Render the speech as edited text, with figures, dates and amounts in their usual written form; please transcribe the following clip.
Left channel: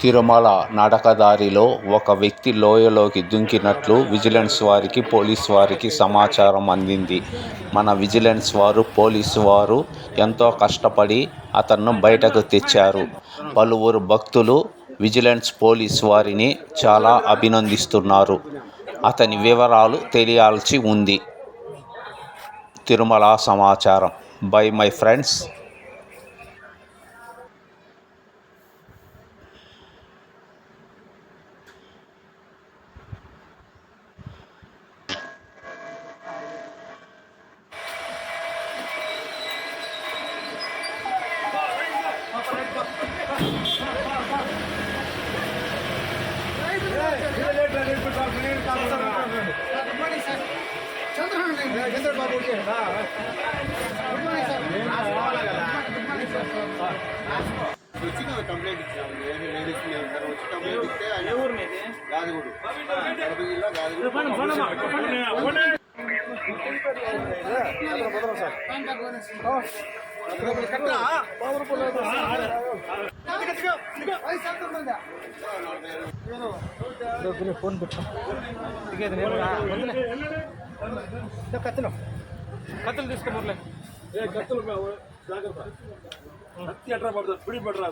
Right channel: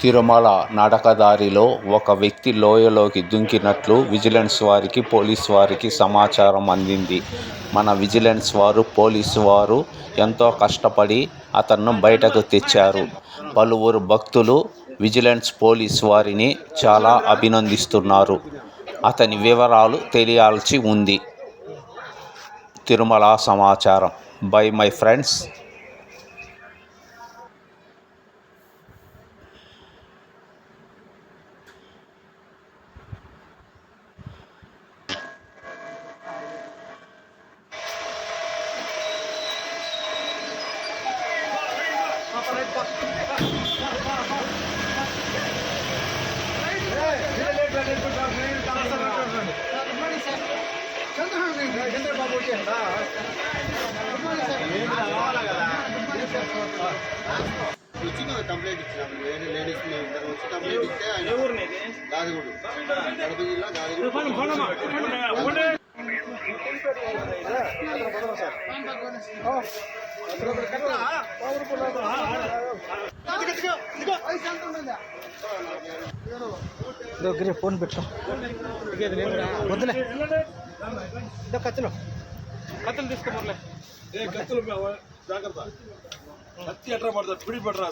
తిరుమల నడకదారిలో ఒక వ్యక్తి లోయలోకి దుంకినట్లు విజిలెన్స్ వారికి, పోలీసు వారికి సమాచారం అందింది. మన విజిలెన్స్ వారు, పోలీసు వారు ఎంతో కష్టపడి అతన్ని బయటకు తెచ్చారు. పలువురు భక్తులు విజిలెన్స్, పోలీసు వారిని చాలా అభినందిస్తున్నారు. అతని వివరాలు తెలియాల్సి ఉంది. తిరుమల సమాచారం బై మై ఫ్రెండ్స్. కంప్లైంట్ ఇచ్చినాము. లేడీస్ ఇద్దరు వచ్చి కంప్లైంట్ ఇస్తే గాదిగూడు, కడప జిల్లా గాదిగూడు. ఫోన్ పెట్టు కత్తులు తీసుకోమర్లే. కత్తులు జాగ్రత్త, కత్తి ఎట్లా పడుతుంది, పిడి పడరా.